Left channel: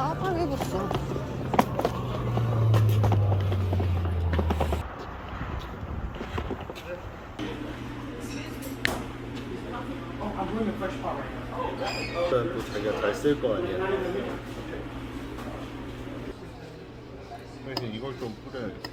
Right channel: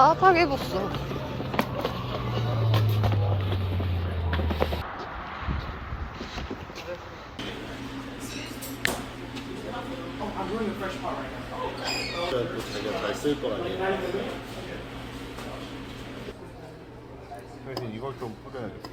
따뜻하게 입었어. 또 자기가 잘 쓸 거 아니야. 그래서 이걸 좀 뿌려야겠어.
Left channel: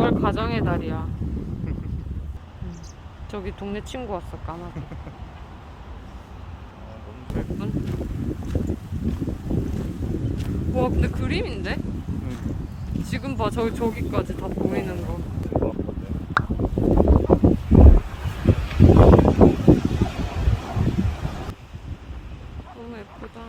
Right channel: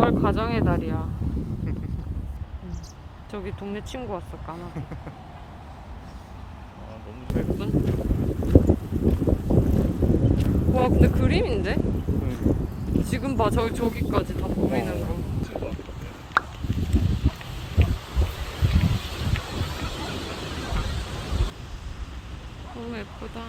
오늘 가정의 달이야. 저기 동네 친구 왔어, 까마귀. 예쁜? 와, 근데 그림인데? 지금 봐, 저기까지 다 보이는 거. 너무 예쁘다.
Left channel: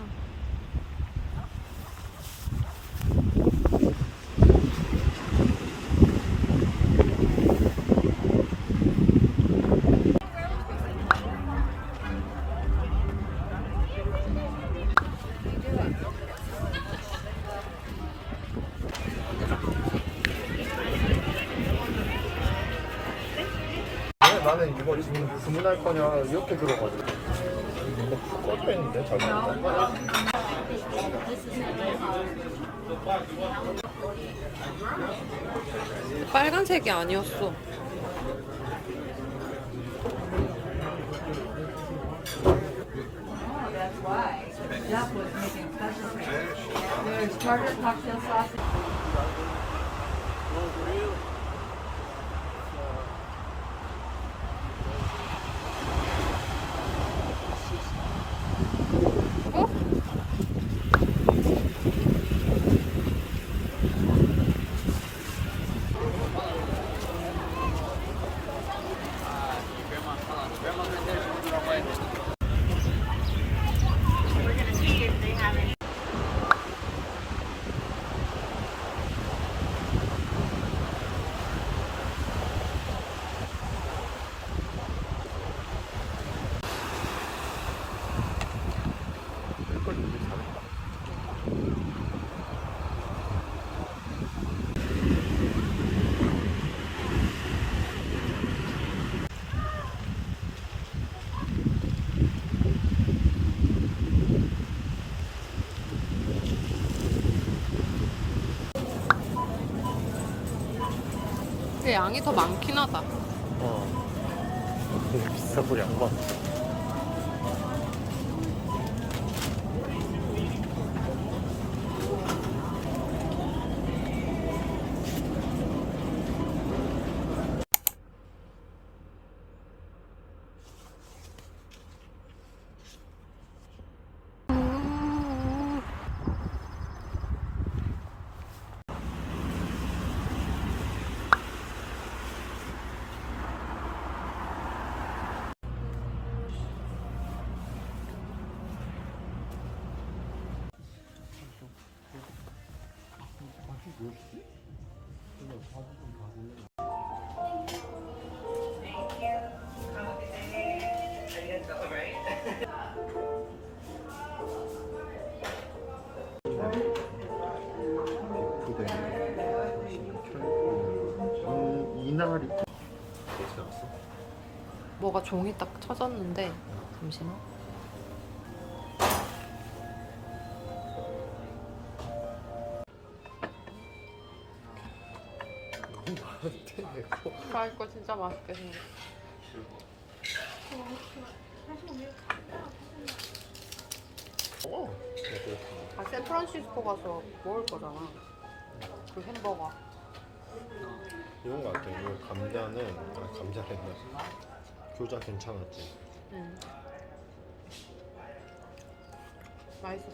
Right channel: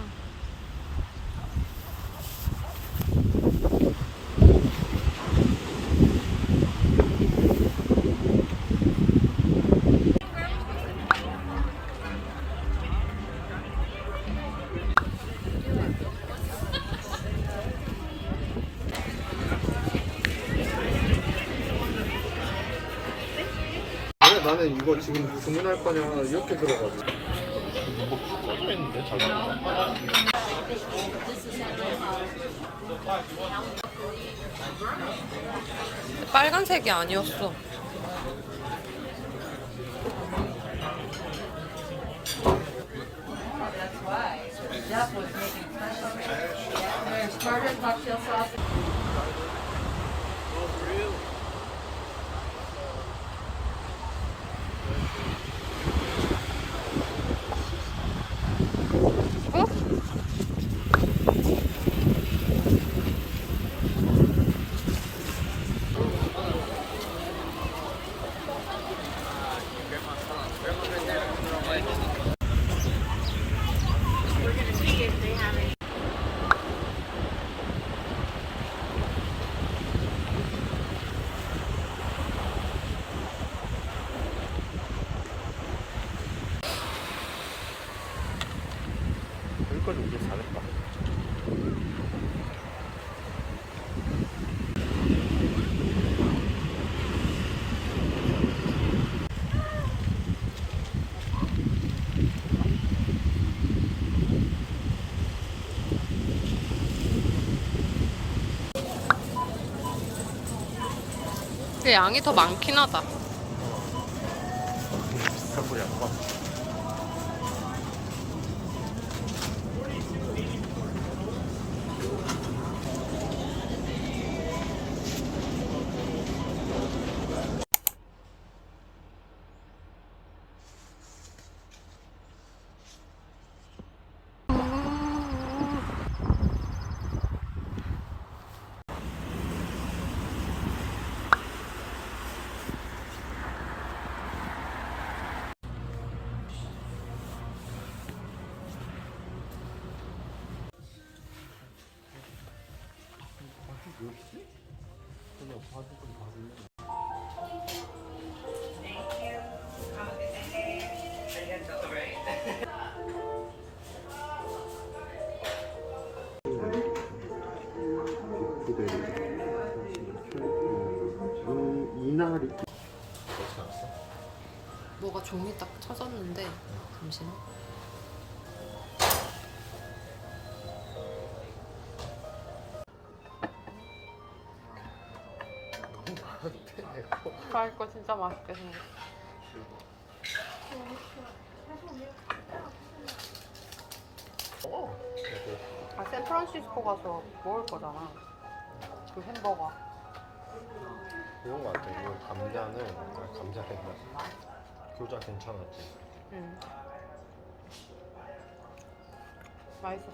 나는 이거 지금 주문할 거냐 이렇게 들어가지고 뭐 꺼져 있는데 자기가. 빨간색이 아니었어. 어? 근데 양이 더 많긴 하다. 비싼 거 양반. 이나리 어떻게 알았어? 뭐가 종이 딱 쳐졌는데 잠시만. 이거 진짜 맛있게 생겼어. 아, 샌프란시스코 가서 먹을 거잖아. 그 햄버거. 그런 거 같아. 이거 감자는 감자랜다. 교자 괜찮았지. 응. 맛있어.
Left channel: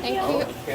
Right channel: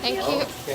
Thank you.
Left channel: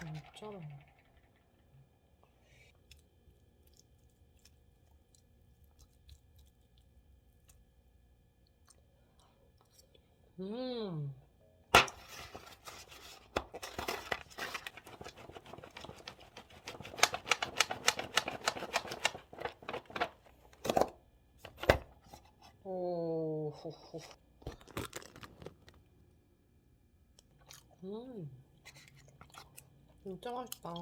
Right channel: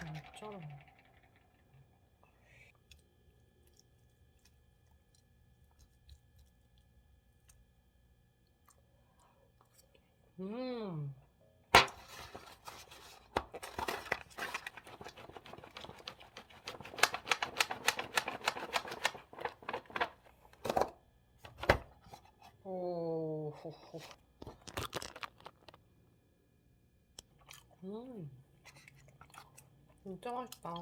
진짜로. 오, 호호. 진짜 맛있다.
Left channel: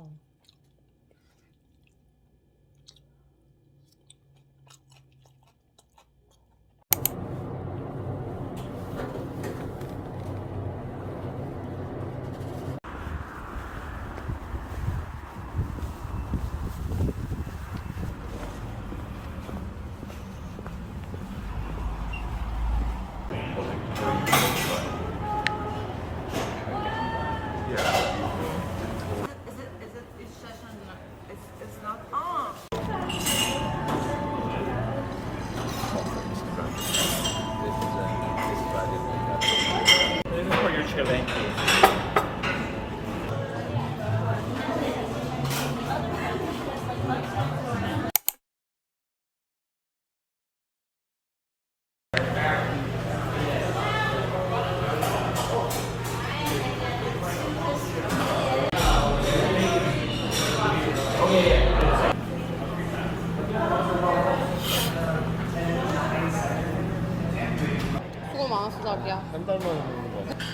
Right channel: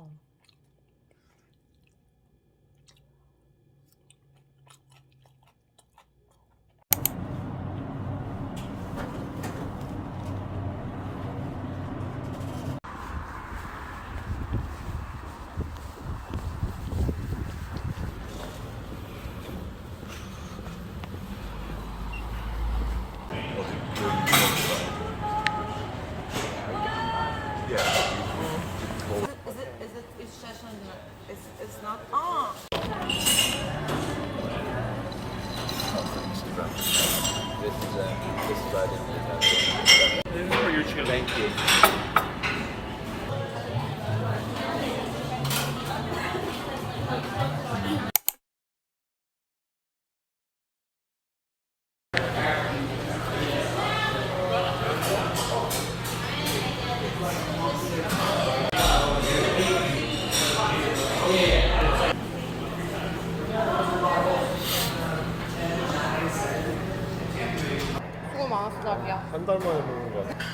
수고 많았어, 자기야. 한 달 만에 먹는 거 같아.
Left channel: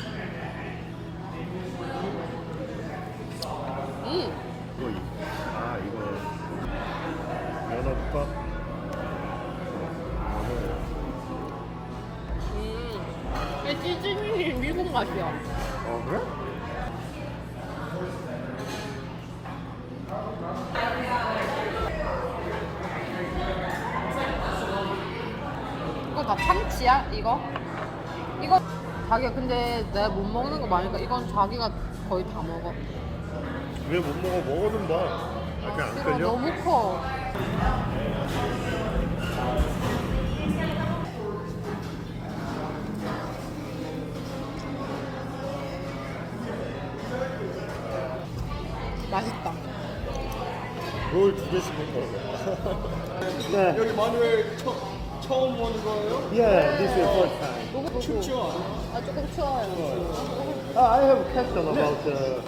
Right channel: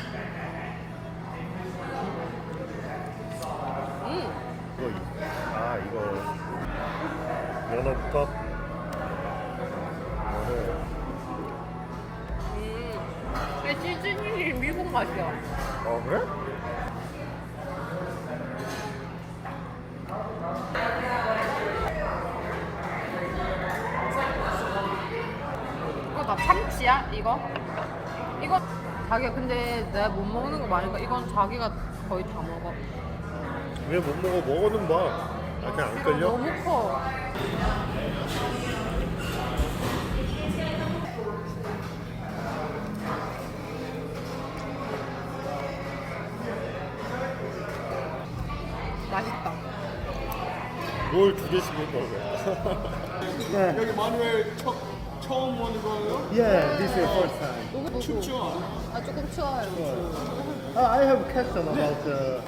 이거 연어국밥. 이게 시즈닝이 미국 맛이야. 그래? 이거 다 참치야? 이거? 이거 자기야, 근데 내가 못 먹는 거 많으니까 이건 자기가 거의 다 먹어. 왜 못 먹어? 먹어는 봐. 그냥 안 싫어, 끌려? 너무 커. 맛있다. 뭘 두 개씩 먹어? 네. 여기 마누엘 처음 오는 거예요? Yeah, this is first time. 보고 춥죠? 아, 조금 추워요. I have a question about the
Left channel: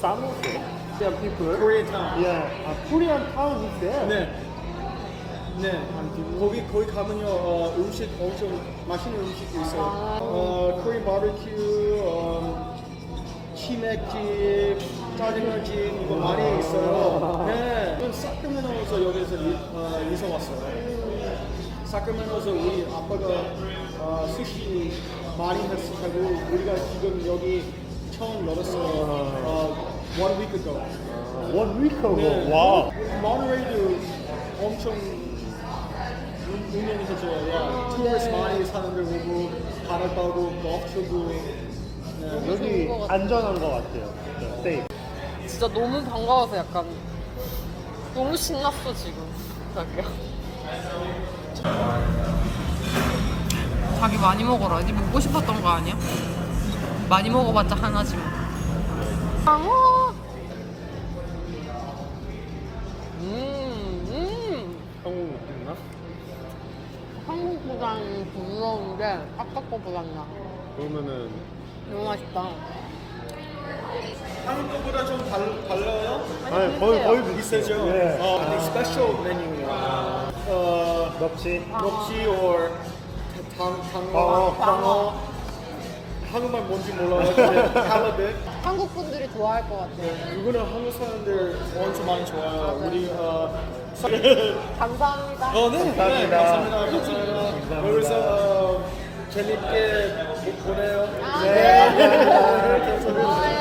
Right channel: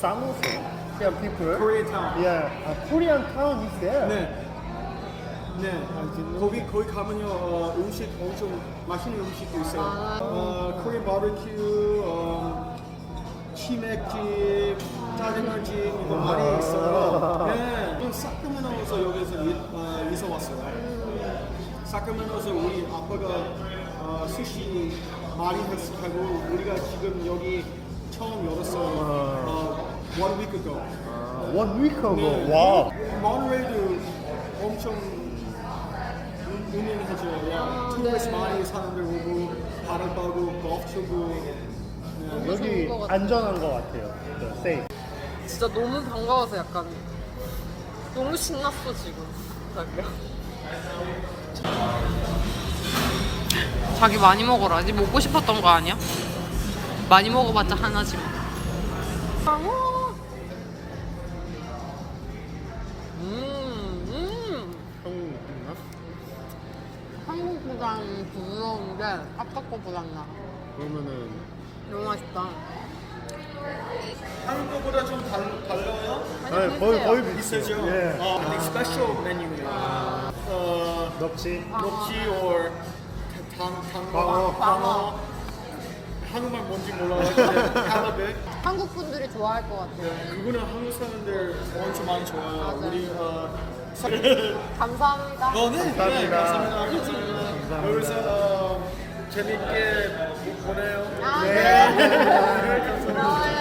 samosa. Korean people. Korean town. Yeah, Korean town is there. 네. 네. 거기 가면요 음식 엄청 맛있는 음식도 있어요. 코리안 바베큐, 치맥집, 짜장면집 이거 많이 있어요. 네. 사크멘트에서 여기서 사크라멘토에서 우리 아빠가 스시 많이 했고 우리가 지금 여기 처음 열었어요. One week ago. One week ago. 네. 와. 모노레일도 엄청 유명해졌어요. 투어리스트 많이 사람들 오고 바다 가고 골프 치고. 네. 여기 좋은 것 같아. 안전한 것 같아요. 세이프. 진짜 너무 반가워서 약간 너무 신났어 지금 자기야. 자기 많이 먹어라. 니 먹고 싶었던 거 아니야? 많이 먹어봤자 하나지만. 방어. 한국 느낌이야? 한국보다는 부드러운데 아까 거보다는 나. 그러면은 너무 맛있다. 한국보다 좀 달라요? 거의 비싸죠? 비슷해요. 예. 근데 스페셜 메뉴예요. 넙치. 넙치 or 방어. 한국말 뭔지 몰라요. 근데 할라백. 한국 분들이 좋아할 것 같아요. 이거는 한국 사람들 엄청 많이 좋아해요. 우리 감사합니다. 감사합니다. 감사합니다. 여기서 재밌게 보내요. 네. 감사합니다.